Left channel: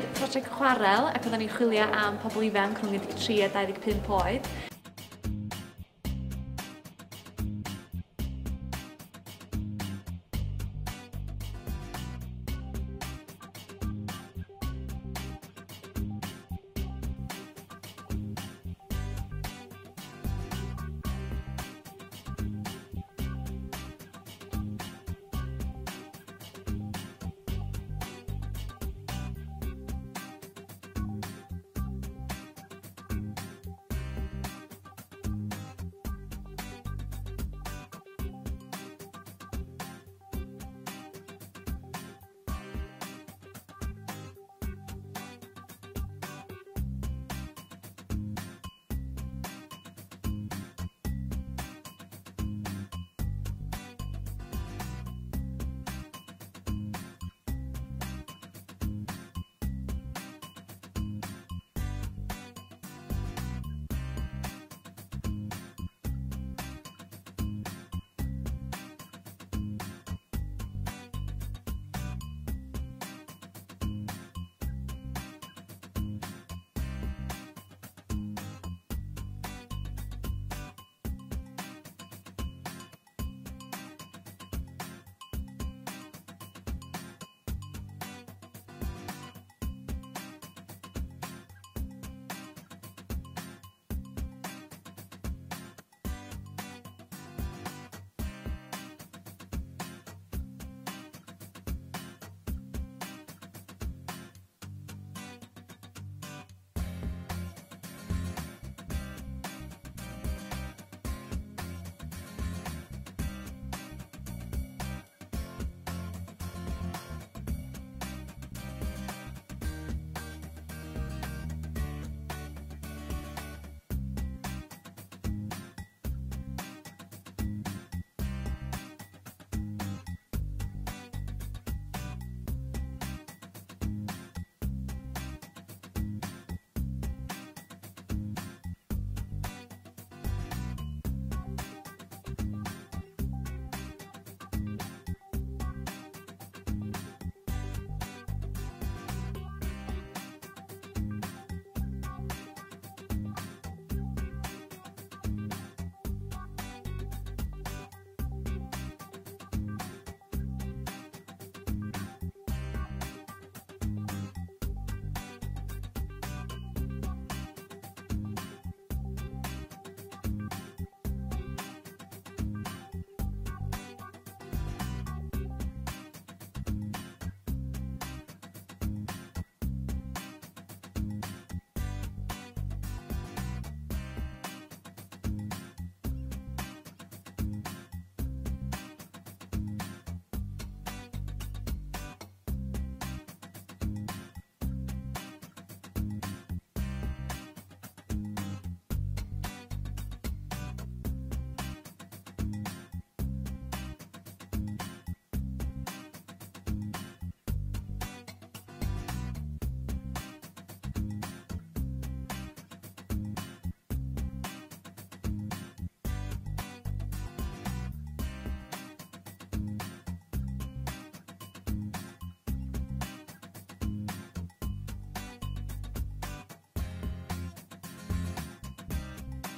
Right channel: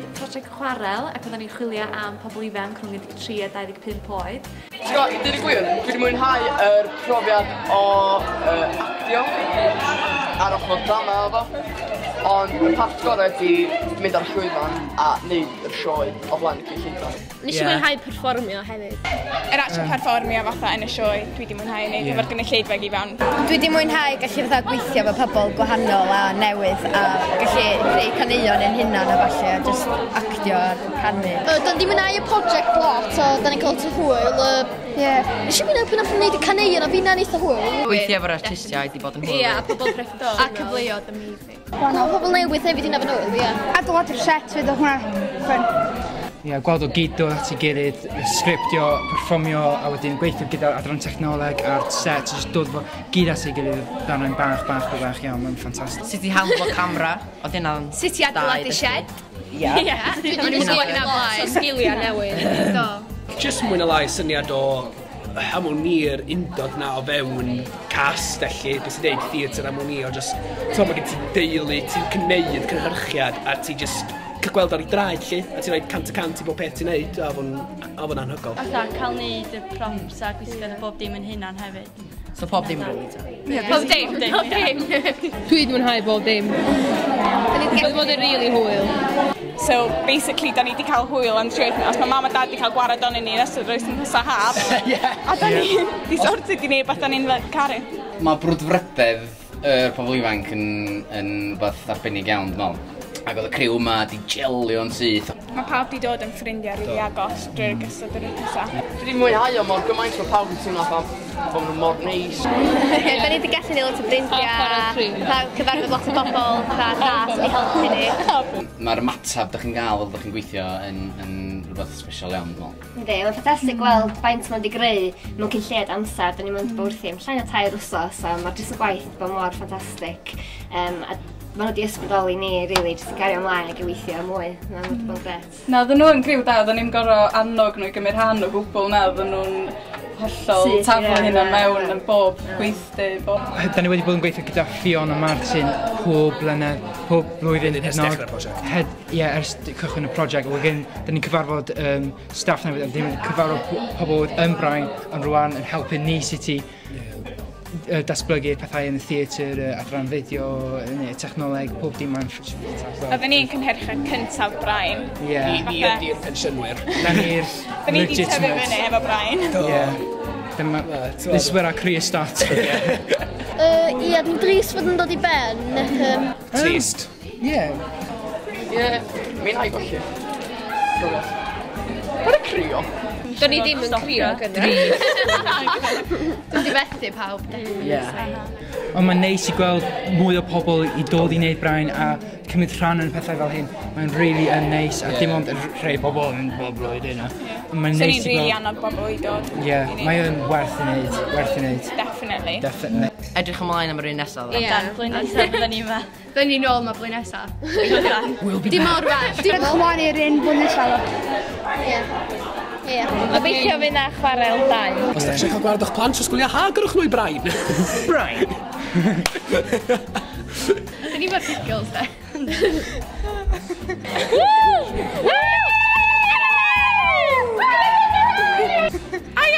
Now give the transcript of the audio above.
gwneud prosiect Chwarel ac oedden ni'n chwilio am pobl ifanc rhwng 13 a 25 oed. Ti'n gwybod, dyn ni gwir, dwi wedi mwynhau yr profiad o actio ar ochr drama efo. Ond y part gorau ydi mynd ar llwyfan a wneud yr sioe o flaen y cynllunio. Nes i mwynhau perfformio hefyd. Yr actual perfformio fatha yn y sioe, dwi wedi mwynhau wneud efo'r gynulleidfa i fewn. Dwi wedi mwynhau gallu fatha gweithio efo pobl gwahanol a newydd a gallu creu caneuon yn hunan a falle a just actio a canu. Da ni mwynhau y project lot o da ni'n cael hwyl. Nes i mwynhau pan wnaethon ni'n caneuon a fi'n eitha hwyl. Gweithio efo'r artistiaid i bod yn hwyl. Ie, a pobl crefftol. A cyfleoedd amazing. Pobl newydd hefyd i'n efo nhw, ie. Adborth yr set fydd o hwnna ffyn. Ie, gweld o gyd dod at ei gilydd, sgriptio, perfformio a wedyn gweithio gyda'r adran technoleg a'r set, jyst dod fo gyd at ei gilydd ddarnau'n bach iawn, mae'n ffantastig. Sut i handlo camera, oedd hynna'n... Sut i adeiladu shed? Ie. Dwi'n sgwyd na blaen. Sgiliau newydd. Do. Jyst mwyn y lai syniad o harmoni'r undod na o fewn cast, felly, beth sy'n neud theatr harmoni, o jyst, ti'n bod gen ti deulu, ti'n cneud cynhyrchiad, a ti jyst cael gweld ar ei draed, lle, a ti'n rhaid cant i bob peth ti'n neud, a fo'n anhygol. Fatha, cael neud y props a gweithio bob dim yn hynna'n hefyd. So pob dim rili ta? Pob dim. Dwi wedi mwynhau bob dim. Wedi bod yn rili hwyl. So, basically, da ni wedi cael hwyl am trwy wythnos. Mae mam a dad wedi cael gwared o'n ni nes o'r oes yn hysa haf. A da ni wedi sortio di neu beth da ni'n caru. Mae brwdfrydedd y pobl ifanc yn beth arbennig iawn, dwi'n meddwl. Ac oedd y criw yma di gelio'n syth. Mae pawb wedi dod yn ffrindiau rili agos drwy'r gysod yr wythnos. Dwi wedi mwynhau o mor gymaint o pawb yn teimlo bod nhw'n mor neis. Da ni wedi gallu neud lot o ffrindiau, cyfarfod lot o bobl, das i helpu ni. Mae'r matab ydych chi'n gael fel ydych chi'n gweithio yn rhywbeth special iawn, dwi'n meddwl. Ynddi, mae'n ffantastig gweld faint ma'n di greu mewn cynlliad amser. Da ni'n mynd bwrthi am llai o 3 wsos, a mae'r jyst y gwaith bod mor ffantastig. A maen nhw wedi ysbrydoli ni, rili, jyst yn gario ymlaen ac yn weithio mwy. Na, mae'n bod gret. Na, oedden nhw'n griw da, oedden ni'n gorau annog nhw i gymryd rhan o gwbl na, oedden nhw'n hollol taflu hynna mewn yn bob gweithdy. Da ni wedi bod yn gweithio gyda Fion a Martin pob blwyddyn. Ers dechrau'r prosiect. Ie, ers cychwyn y prosiect. Da ni'n cyfarfod staff newydd, a ddim yn cyfarfod pobl yn Brain, ond rwan yn helpu ni sut i datblygu pethau yn y theatr, adran fideo, technoleg, pob dim mae'n ffantastig. Oedden ni'n cynhyrchiad cyntaf Brain. Ni ydy'r pensiynwyr. Da ni'r Da ni wedi tyfu fyny efo Brain. This is where our career starts. Ie, dwi'n dris fod yn dod i ben. Trist. Ie. Ie, mi'n hau golli. Bod y Criw. Da ni ddim yn crio gyda. Dwi'n di fethu pawb. Ond mae'n neis i gweld mwy o pobl i dod i wneud Brain a cymryd rhan yn pethau fel hyn. Mae'n really yn neis a dim ond rhai bobl yn bob blwyddyn. So ni'n rili annog bobl i dod. Ie, mae'n werth i wneud. Definitely. Edrych ymlaen am yr un nesaf. Ie, blwyddyn nesaf bydden ni yma. Da ni'n ôl ma blwyddyn nesaf. Dim mor werth. Dwi'n chwaru'r un blwyddyn nesaf. Ie. Obeithio fydd na Chwarel 2. Os da eisiau cael gwared o'ch plant, sgwylio ha, gyrwch nhw i Brain. Brain? Da ni fod giggles, da. Ai!